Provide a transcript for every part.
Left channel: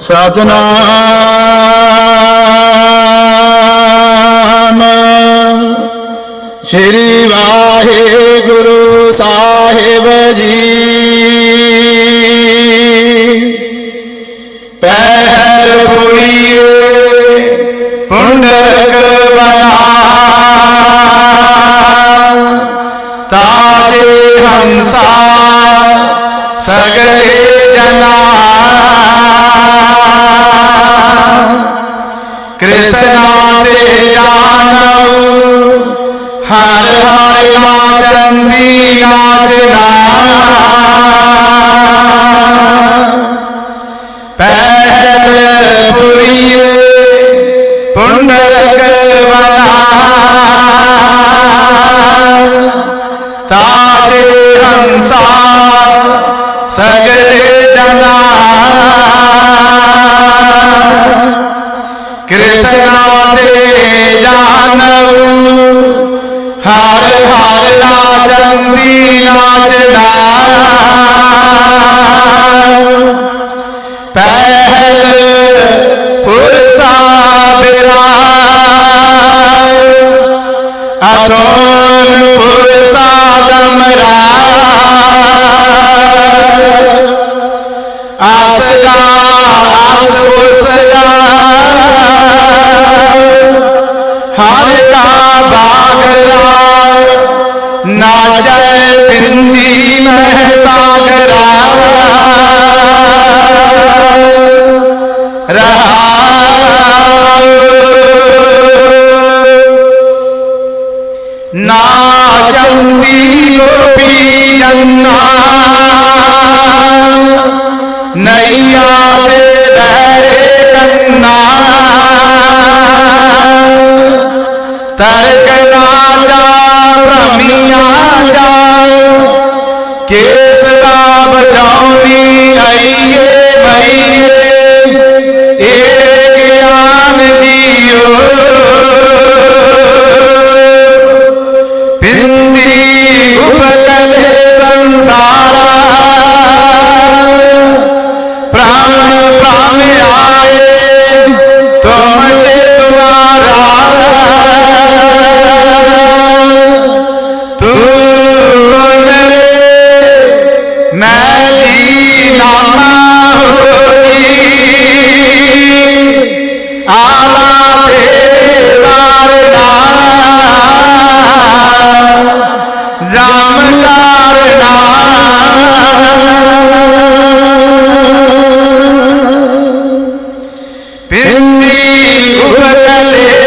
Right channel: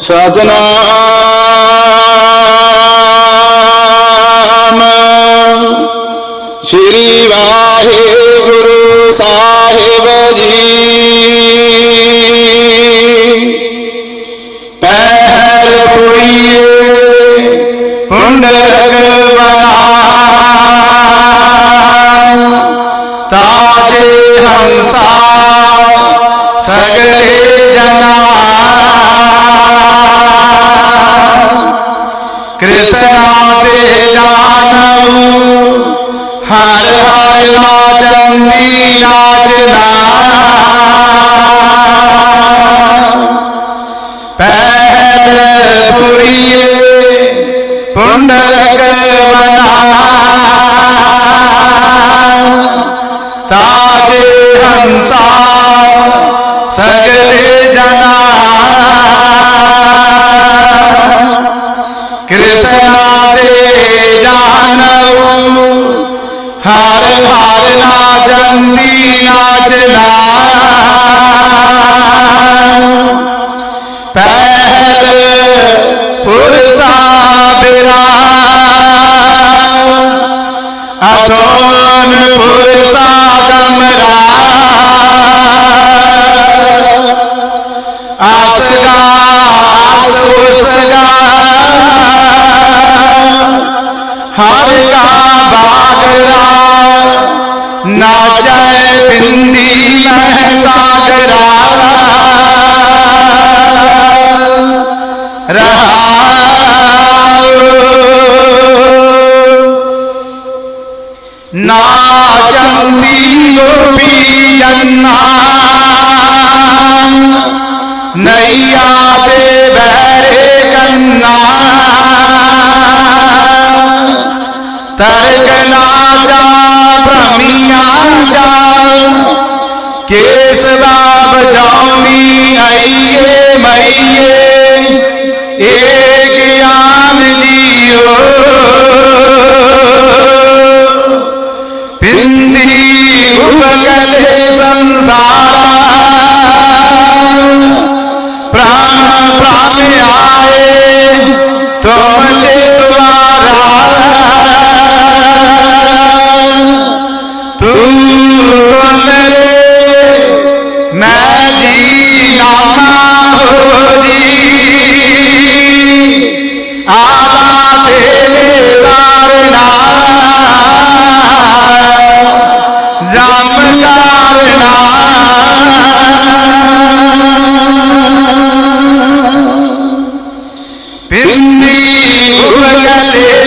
ਸਤਨਾਮ। ਸ੍ਰੀ ਵਾਹਿਗੁਰੂ ਸਾਹਿਬ ਜੀ। ਪਹਿਲ ਪੁਰੀਏ ਪੁੰਡਰਕ ਬਨਾ ਤਾਜੇ ਹੰਸਾ ਸਗਲੇ ਜਨਾ ਨਾਚੰਦੀ ਨਾਚਨਾ ਪਹਿਲ ਪੁਰੀਏ ਪੁੰਡਰਕ ਬਨਾ ਤਾਜੇ ਹੰਸਾ ਸਗਲੇ ਜਨਾ। ਕ੍ਰਿਸ਼ਨਾ ਦੇ ਜਾਨਵ ਹਰ ਹਰ ਨਾਚੰਦੀ। ਨਾਚਨਾ ਪਹਿਲ ਪੁਰਸਾ ਬਿਰਾ। ਅਥੋਨ ਪੁਰਸਾ ਦਮਰਾ। ਆਸਗਾ ਆਸ ਉਸਗਾ ਹਰ ਕਾ ਬਾਗਰਾ ਨਾਚੈ ਪਿੰਦੀ ਮਹਿ ਸਾਗਰਾ। ਰਹਾਉ ਨਾਚੰਦੀ ਗੋਪੀ ਜੰਨਾ। ਨਈਆ ਦੇ ਬਹਿਰੇ ਕੰਨਾ। ਤਰਕ ਨਾਚਾ ਭ੍ਰਮੀਆਂ ਜਾ ਕੇਸ ਬਾਬ ਜਾਉਨੀ ਆਈਏ ਮਈਏ। ਏ ਗਿਆਨ ਜੀਓ। ਪਿੰਦੀ ਉਪਕਲੇ ਪਿੰਦੀ ਉਪਕਲੇ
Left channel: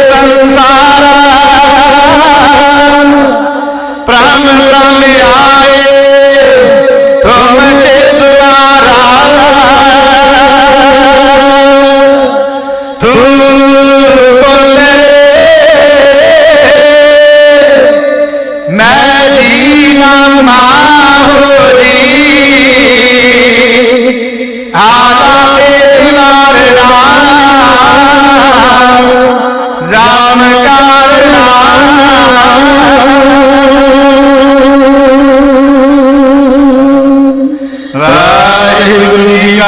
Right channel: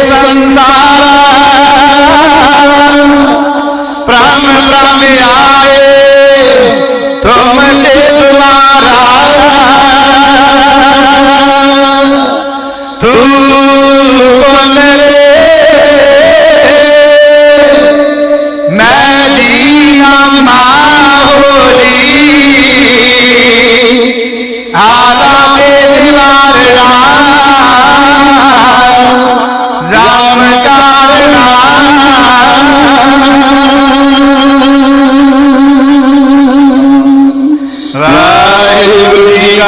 ਵਾਹਿਗੁਰੂ ਜੀ ਕਾ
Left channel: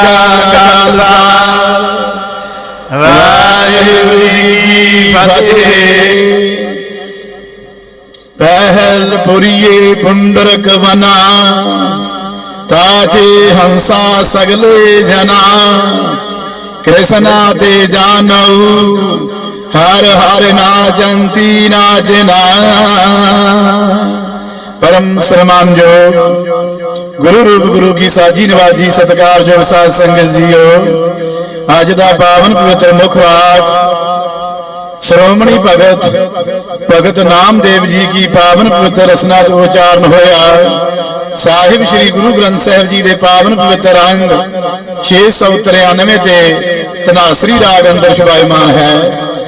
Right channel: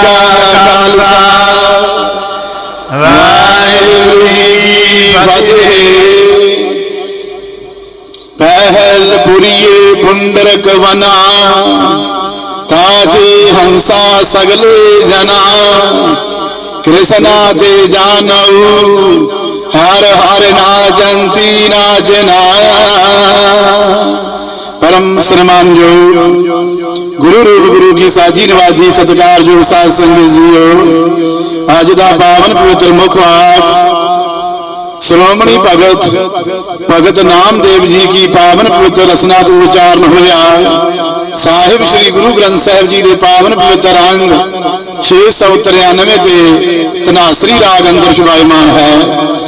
ਖਾਲਸਾ। ਵਾਹਿਗੁਰੂ ਜੀ ਫਤਿਹ। ਪਹਿਲ ਪੁਰੀਏ ਪੁੰਡਰਕ ਵਨਾ, ਤਾਜੇ ਹੰਸਾ ਸਗਲੇ ਜਨਾ। ਕ੍ਰਿਸ਼ਨਾ ਤੇ ਜਾਨਉ, ਹਰ ਹਰ ਨਾਚੰਤੀ ਨਾਚਨਾ ਪਰਮ ਸ਼੍ਰੀਮਾਨ ਜੋ ਗੁਰੂ ਰੂਪ ਗੁਰੂ ਕੀ ਸਾਜੀ ਨਿਵਾਜ਼ੀ ਸਤਿਕਾਰਯੋਗ ਸਾਧ ਸੰਗਤ ਜੀਓ। ਅੱਜ ਦਾ ਪਾਵਨ ਪਵਿੱਤਰ ਮੁਖ ਵਾਕ, ਸ਼੍ਰੋਮਣੀ ਭਗਤ ਭਗਤ ਨਾਮਦੇਵ ਜੀ ਕੀ ਪਾਵਨ ਪਵਿੱਤਰ ਰਸਨਾ ਤੋਂ ਉਚਾਰਨ ਹੋਇਆ। ਸਾਹਿਬ ਸ੍ਰੀ ਗੁਰੂ ਗ੍ਰੰਥ ਸਾਹਿਬ ਜੀ ਦੇ ਪਾਵਨ ਪਵਿੱਤਰ ਅੰਗ 693 ਤੇ ਤਨਾਸਰੀ ਰਾਗ ਅੰਦਰ ਸ਼ੁਭਾਇਮਾਨ ਹੈ।